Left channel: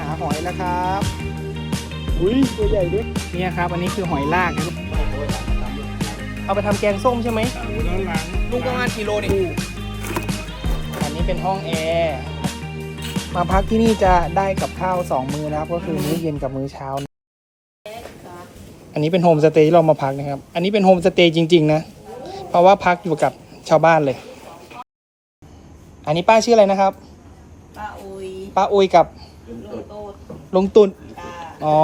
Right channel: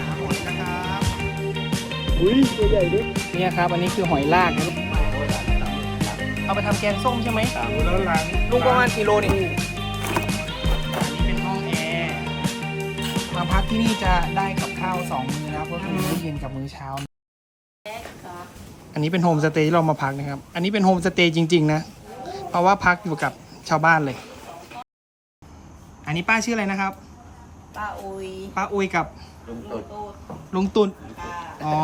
หาหอยนะครับอุ้ยตัวใหญ่ด้วยเนี่ยครับ อันนี้คือหอยลากนะเอาไปทำแกงส้มใช่ไหมลุงประมาณกิโลนี่อันนี้เป็นห้องแอร์มาพักที่นี่จะได้กับข้าวสองมื้อนะครับ ก็คือมื้อเย็นกับมื้อเช้า อันนี้เป็นโฮมสเตย์ที่เรามาพักนะครับ อันนี้เป็นโฮมสเตย์จริง ๆ นะ เพราะว่าพักอยู่กับชาวบ้านเลย อันนี้ป้าชื่ออะไรนะครับ ป้าอุยป้าอุยกับ ลุงโตดลุงตุนตาอ๋อ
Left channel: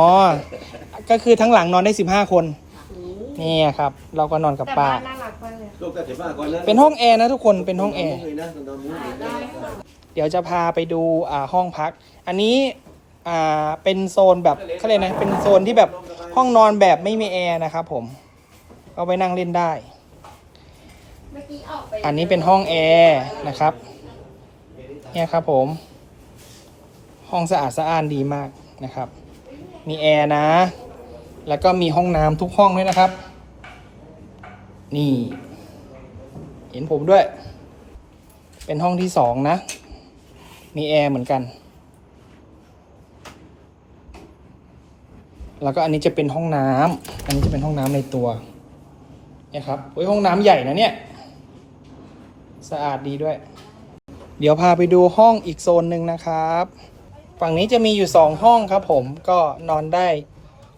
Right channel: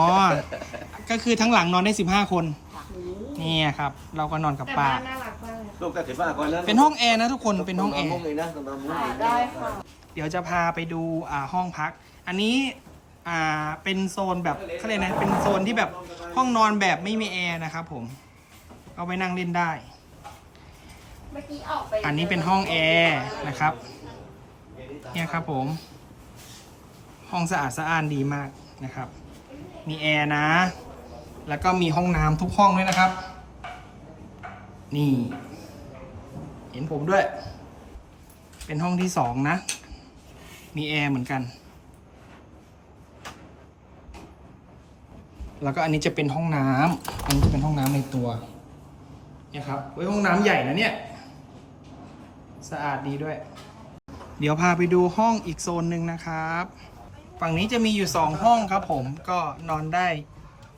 ก็คือทั้งหลังนอนได้สิบห้าคน นี่ครับ เราก็นอนกับป้าลูกแต่สิบห้าคนนะเป็นห้องแอร์นะทุกคน เป็นห้องแอร์ เลยนะตรงนั้นมุ้งเลยนะได้ค่ะเดี๋ยวจะพาไปดูอ่าห้องพัก อันนี้อ่าเป็นโซนแบบเขาเรียกนะ เป็นโซนที่แบบห้องนอนแบบไม่มีแอร์นะครับผม เอาไปนั่งเล่นได้ เมื่อกี้ออกไปอันนี้เป็นห้องแอร์นะครับ เนี่ยครับผม ห้องสะอาดสะอ้านดีมากนะครับ มีแอร์นะ แล้วก็มีห้องน้ำทุกห้องด้วยนะครับ นี่ เห็นผมด้วย เป็นห้องที่สองนะ มีแอร์เหมือนกัน แล้วก็อันนี้จะเป็นห้องน้ำอันนี้จะเป็นห้องน้ำในตัวเนี่ยครับเฮ้ยห้องน้ำใหญ่นะเนี่ย สะอาดดีด้วย เดี๋ยวพาไปดูห้องอีกโซนหนึ่งนะครับ ฝั่งนี้จะมีอยู่สองห้องครับผมก็นอนได้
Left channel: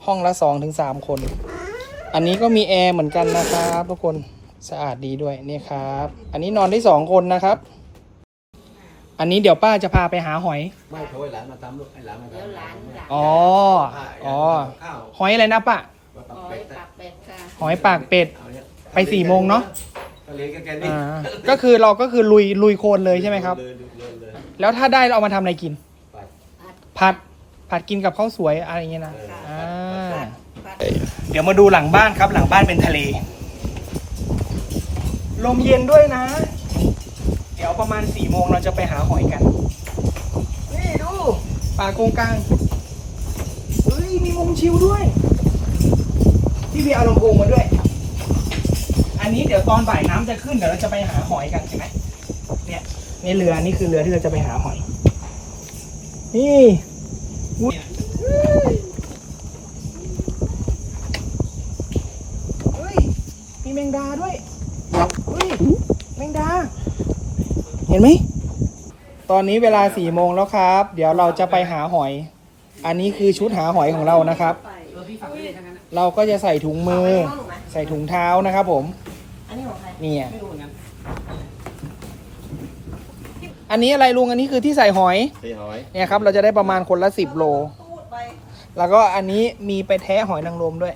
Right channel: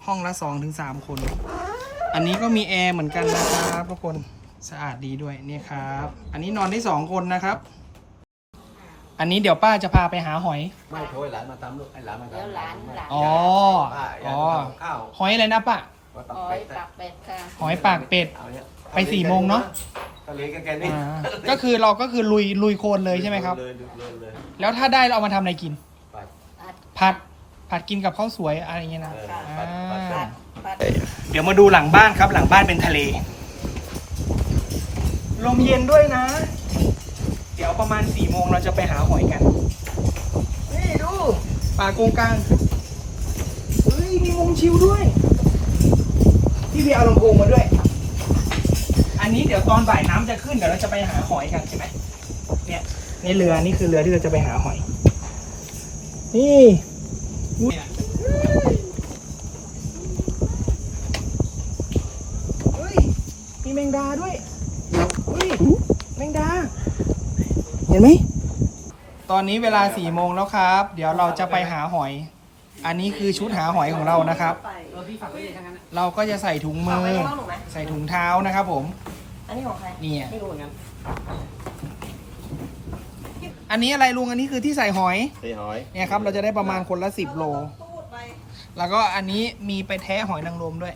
ห้องละสองถึงสามคน อันนี้ก็มีแอร์เหมือนกันนะครับทุกคนสะอาดดีด้วยเนี่ยครับ อันนี้นอนได้สองคนนะครับ อันนี้เดี๋ยวป้าจะพาไปหาหอย ไม่โทรให้หลานมาทำลูกให้หลานมาทำแล้วหลานหลานอ๋อ ป้าอยาอ๋กอทำข้าวหอยอะไรนะป้า มาอ๋ตัอบเป็ดปากเป็ดค่ะ หอยปากเป็ด เอาเนี่ยไปสี่โมงเนอะ ทะเลก็แค่นี้อ่าก็คือเราก็คือลุยลุยโคลนเลยใช่ไหมครับ เลยเลยเลยแล้วถ้าได้เราเอามาทำอะไรกินไป ผัดผัดกินกับข้าวสวยอะไรอย่างเงี้ยนะเอออ่ปัดปัดาปัดปัดเดี๋ยวมาดูหลังบ้านครับ หลังบ้านเป็นทะเล ลมเย็นด้วยนะ เดี๋ยวประมาณสี่โมงเราจะไปหาหอยกัน นี่ดูป่าโกงกลางเฮ้ยมีวงชิวด้วยพี่พี่เอาลำโพงมาด้วย อันนี้เดี๋ยวตอนบ่ายน้ำจะขึ้นเดี๋ยวเราจะไปหาหอยกันเห็นไหมเนี่ยนี่เรือนี่คือเรือที่เราจะไปหาหอย นี่อุ๊ยเฮ้ยมีแมงดาด้วยเฮ้ยแมงดา เห็นไหม ตอนนี้เวลาสี่โมงแล้วครับ เดี๋ยวเราจะไปหาหอย อันนี้คือชุดหาหอยของเรานะครับ เราก็จะใส่ถุงมือ ใส่ถุงเท้านะครับผม อันนี้ของใครนี่อะไม่รู้เหมือนกัน อันนี้อะไรลุงอันนี้คือที่ใส่หอยตีหอยเนี่ยครับเราจะได้ประมาณคนละสิบโล แล้วก็อันนี้มีไปแท้หอยนางรมด้วย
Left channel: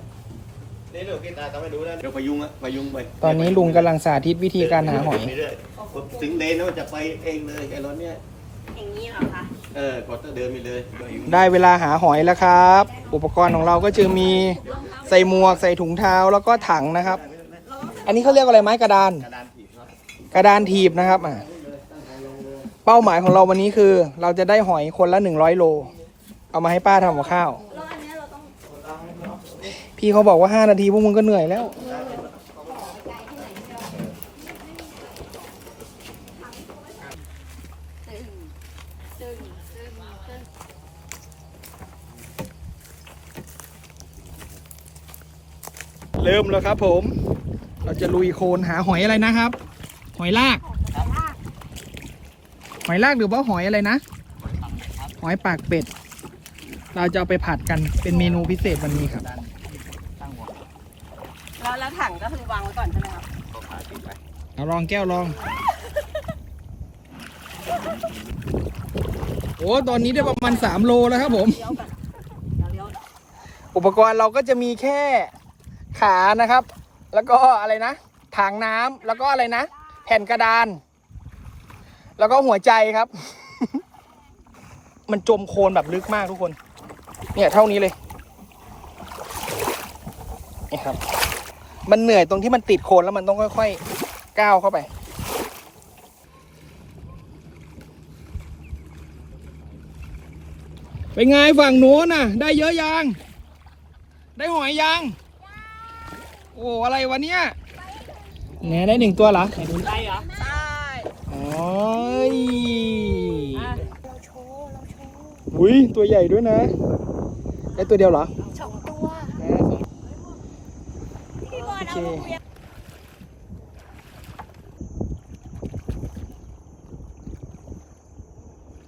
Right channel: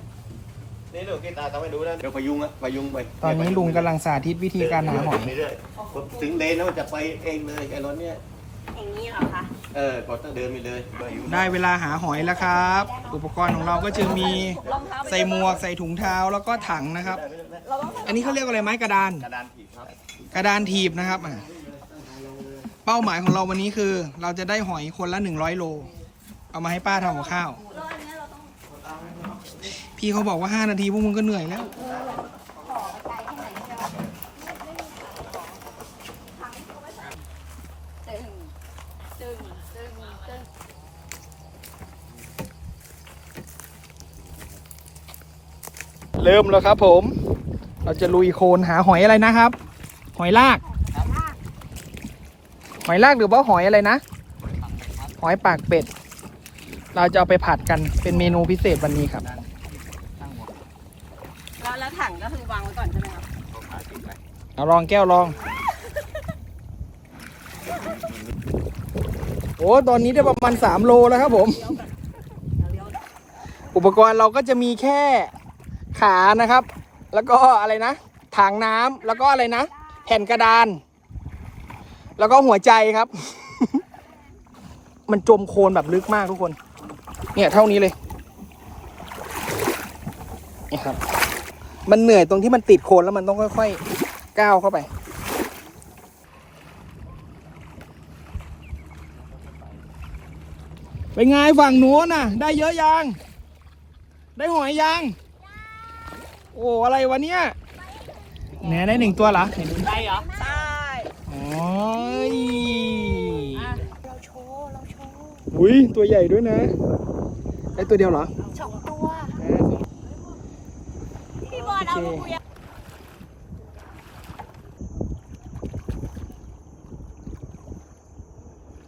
นี่ลูกที่ตาทำให้ดูนะเดี๋ยวพยุงอะพยุงไปตอนนี้ลุงกำลังสาธิตวิธีการหาหอย เรื่อยๆถึงเลนแล้วมันจะไปเองเลยไอ้รถเนี้ยอย่างนี้เหรอคะ เออกดต้องเดินไปเลยพยุงได้เวลาหาหอยแล้วครับ อุปกรณ์ของเราก็จะมีใส่หมวกใส่ถุงเท้าแล้วก็ถังนะครับ อันนี้เขาเรียกอะไรไม้กระดาน กระดานถีบครับกระดานถีบนะครับอะ เป้าหมายของเราวันนี้คือ เราจะได้หอยคนละ100โล เอามาให้ป้าทำกับข้าว แล้วอันเนี้ยเราต้องพี่เขาบอกว่า5นาทีพวกมึงก็เหนื่อยแล้ว ตึงตึงตึงตึงเริ่มแล้วครับผม เราจะลุยโคลนหาหอยอะไรนะครับ หอยลาก หอยลากหรือว่าหอยอะไรนะ หอยปากเป็ด เราจะเอาไปผัดกันเป็นเมนูพิเศษวันนี้ครับแล้วแล้วถังก็คือวางไว้ก่อนใช่ไหมครับเอาลองแก้วลอง โอ้ตอนนี้ได้ประมาณ3โลแล้วครับผมเลี้ยวกันเดี๋ยวเลี้ยวอุปกรณ์เราก็จะมีแค่ขานะครับ แล้วก็อะไรนะ ถังน้ำแล้วก็อะไรนะ แผ่นกระดาน แล้วก็หัวใจครับ มันจมโคลนแบบลึกมากทุกคน เนี่ยเท่านี้เลยมันเหนื่อยตรงที่มันติดโคลนแล้วมันต้องค่อยๆก้าวเข้าไป เป็นไงฝั่งนู้นน่ะ ได้เยอะยัง ได้หอยยัง โอ้อะไรวะเนี่ยแหนได้หนึ่งตัวเหรอไหนดูดิใช่เหรอ ใช่ โอ้ยเราโชว์เราโชว์โอ้อุ้ยตัวใหญ่ด้วยนะ ได้ตัวเดียวเหรอสองตัวอ่าพี่บอลเอามาคุย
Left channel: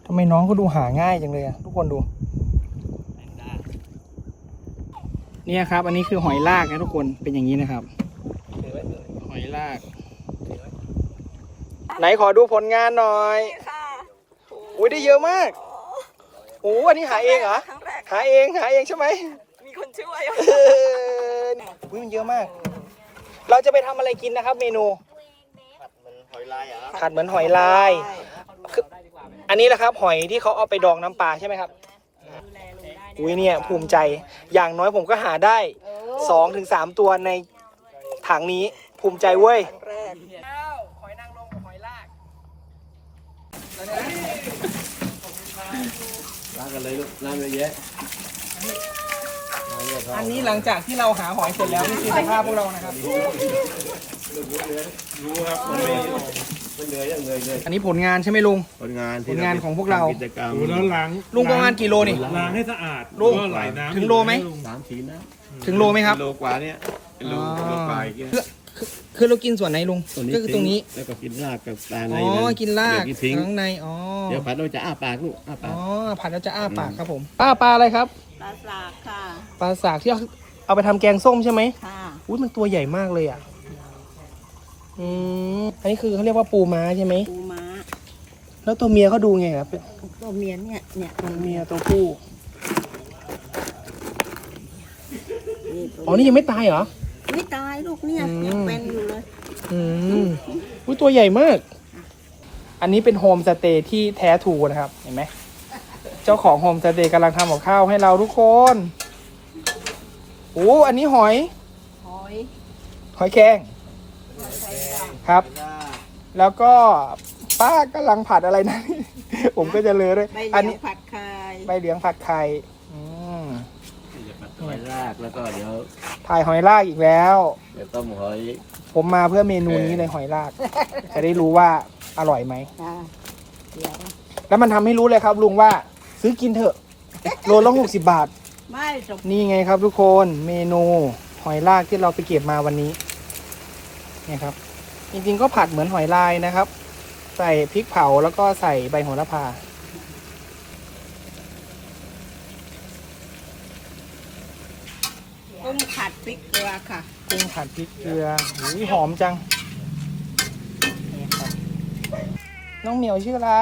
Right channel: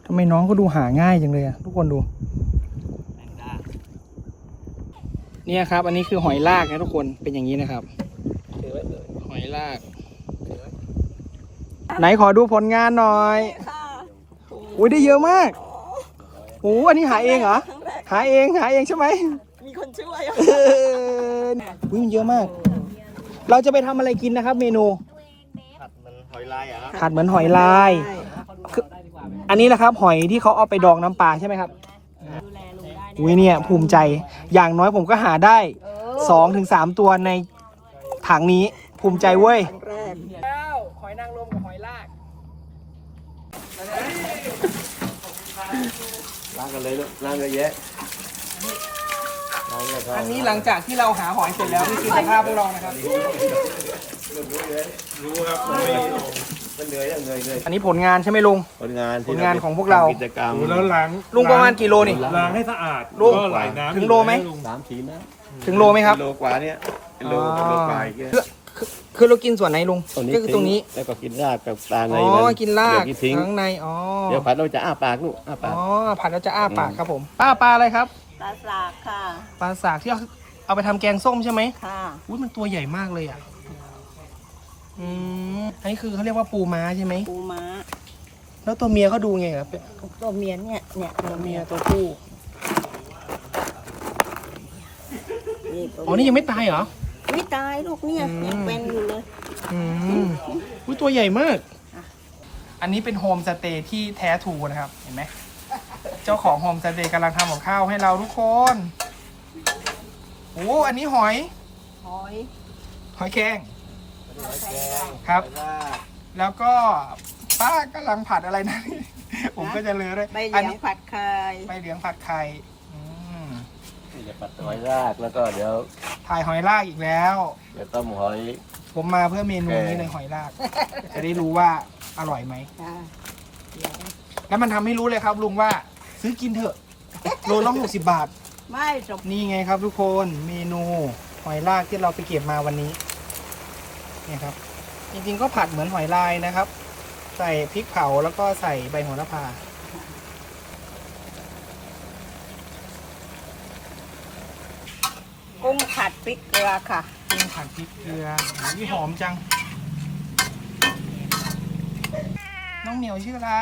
ทำไมน้องก็ดูหาง่ายจังเลยอะทุกคนดู เนี่ยครับ อันนี้คือหอยลากนะทุกคนเป็นอย่างนี้นะครับ หอยลาก ไหนขอดูผลงานหน่อยค่ะอุ้ยได้เยอะมากโอ้โหอันนี้หาเองเหรอ ครั้งแรก หาเองหาเองใช่ไหมมีคนช่วย เอออุ้ยมันเยอะมาก เราจะไปทำอะไรกินนะครับ เมนู หอยลายอะผัดเหมือนหอยลาย อันนี้นะครับ หอยที่เขาเอาไปดองน้ำปลาใช่ไหมครับอุ้ยเนี่ยภูมิใจ อย่างน้อยผมก็หาได้สองถึงสามตัวในถังนี้ ภูมิใจเว้ยแล้วหอยนางรมกับหอยลาก ล้างกันเลยลูกล้างเยอะแยะอันนี้หลังจากที่เราหาหอยเสร็จแล้วนี่คือสภาพพวกเรานะครับ รู้ครับมันไม่มันเหนื่อยยังเหนื่อยเลยอันนี้ผลงานใช่ไหมลุง ผลงานผลงานของพวกเรา ทำกิจกรรมแล้วล้างลุงประมาณกี่โลนี่ ล้างให้สะอาดลูกก็ไหลน้ำถึงโลไหม สามขีดนะถึงโลไหมครับโลกว่าเนี่ยเป็นโลอ๋อโลกว่าอีกเนี่ย คือคือเรากินส่วนไหนลุงก็คือตรงนี้แล้วก็กินราดกับปลาในอ๋อนั้นกินลากเดี๋ยวทิ้งข้างในอ๋อเดี๋ยวผัดเราจะอ้าปากลูกอ้าอ๋ปากอผัดแล้วจะอ้าปากครับผมป้าปลาอะไรครับปลาสากค่ะปลาสากที่เอาเอาไปทำแกงส้มใช่ไหมค่ะอุ้ยมันตัวใหญ่มากเลยอะอืมอันนี้คือเขาเรียกว่าปูม้าใช่ไหมปูม้า แล้วตัวเมียเขาดูไงครับตัวเมียเนี่ยเนี่ยตัวเมียตัวผู้นี่ตัวอ๋อนี่ยังไม่ตายเหรอ ไม่ตายลูกเนี่ยอืม ยังเป็นอยู่เลย อืมอุ้ยตัวใหญ่มาก อันนี้เป็นโฮมสเตย์ที่แท้ทรูนะครับ เห็นไหม เจ้าของโฮมสเตย์กำลังทำกับข้าวให้เราทุกคนโอ้อันนี้หอย หอยหอยแครงครับ แล้วก็ป้ากำลังผัดอะไรนะ ผมก็จะเลยด้วย ใบเหอันลียนี้ งผัดไข่ใบเหลียงผัดไข่อืมจะปัด หอยรากแล้วก็เดี๋ยวถ่ายหอยลากอีกแล้ว เดี๋ยวต้มหอย ผมมาเพื่อเมนูนี้เลยหอยลาก จะได้รู้ว่าอร่อยไหมจ้าเดี๋ยวแล้วมันทำให้รู้เลยครับ ลุงว่าซื้อกินเถอะ โลละหกสิบบาท ไม่จบนี่ไงครับทุกคนเมนูหอยลากที่เราไปเก็บมาวันนี้นี่ครับ จริงๆก็ผัดเหมือนหอยลายนะครับ ใส่พริกเผาแล้วก็ใส่ใบโหระพา กุ้งผัด พริกเกลือค่ะกุ้งผัดพริกเกลือหูยหอมจัง น้องเหมียวชื่ออะไร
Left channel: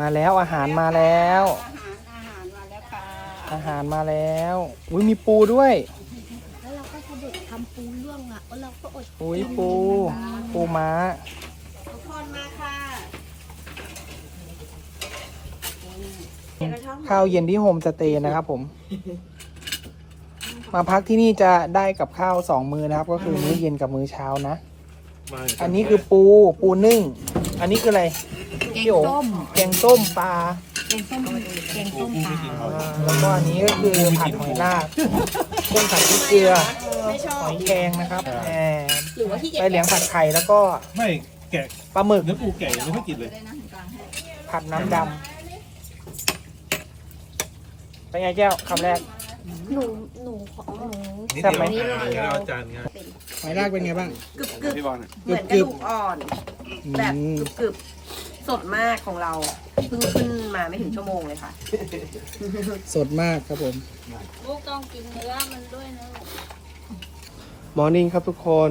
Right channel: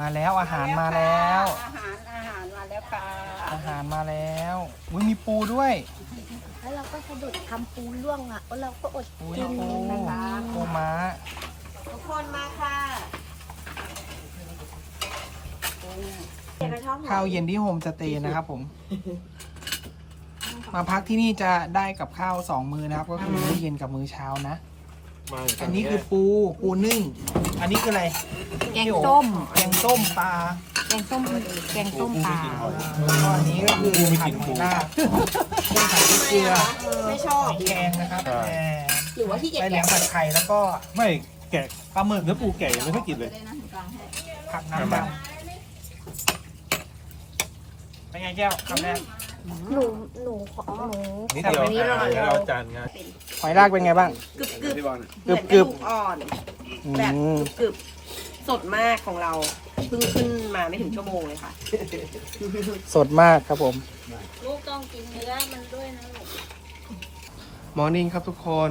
มาแล้วอาหารมาแล้ว อาหารอาหารมาแล้วค่ะอาหารมาแล้ว อุ้ยมีปูด้วย แล้วเราก็สะดุดทำปูล่วงอะแล้วเราก็อดอุ้ยปู ปูม้า ทุกคนมาค่ะ ข้าวเย็นที่โฮมสเตย์นะครับผม มาพักที่นี่จะได้กับข้าวสองมื้อนะครับ ก็คือมื้อเย็นกับมื้อเช้านะ อันนี้คือปูปูนึ่ง อันนี้คืออะไรแกงส้มแกงส้มปลาแกงส้มแกงส้มปลาแล้วก็อันนี้ก็คือผัดหอยลากกุ้งผัดพริกเกลือไม่ชอหบอยแครงนะครับแหมหรือว่าที่เก็บใบเหลียงผัดไข่แล้วก็ไม่แกะปลาหมึกเนื้อปูแกะยังไม่ค่อยกินเลยผัดน้ำดำ เป็นไงแก้วคำแรก หนู หนูขอหนูนิดแต่เดียววันนี้เราอะเดี๋ยวเราจานงานหอยลากเป็นไงบ้าง กึบกึบพี่บอลเหมือนกระดูกอ่อน อืแบบมกรึบๆสดมากของเราเพิ่งขึ้นมาไม่ถึงชั่วโมงเลยค่ะ สดมากครับผม ลูกต้องกินเนื้อมันด้วยนะลูก มอร์นิ่งครับทุกคน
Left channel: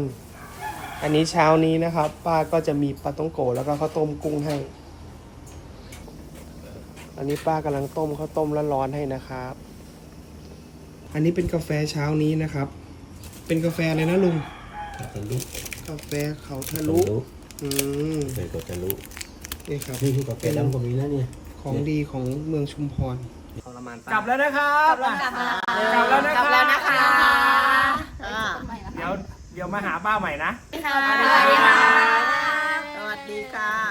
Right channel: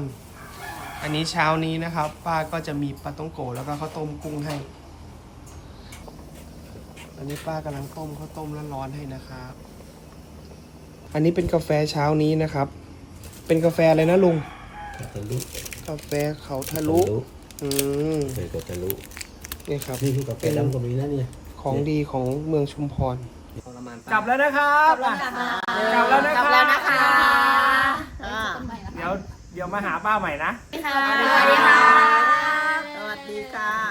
อันนี้เช้านี้นะครับ ป้าก็จะมีปลาต้องโกะแล้วก็ข้าวต้มกุ้งให้ อันนี้ป้ากำลังต้มข้าวต้มร้อนๆให้นะครับ อันนี้เป็นกาแฟเช้านี้นะครับ เป็นกาแฟอะไรนะลุง ทะลุกาแฟเขาทะลุ อืมเคยก็ทะลุนี่ครับ นี่คือกาแฟดำก็มีนะเนี่ย ของดีของเมืองชุมพรกลับแล้วนะครับกลับแล้วนะครับกลับแล้วนะคะเดี๋ยวเดี๋ยวมาหาป้าใหม่นะค่ะสวัสดีค่ะโอเค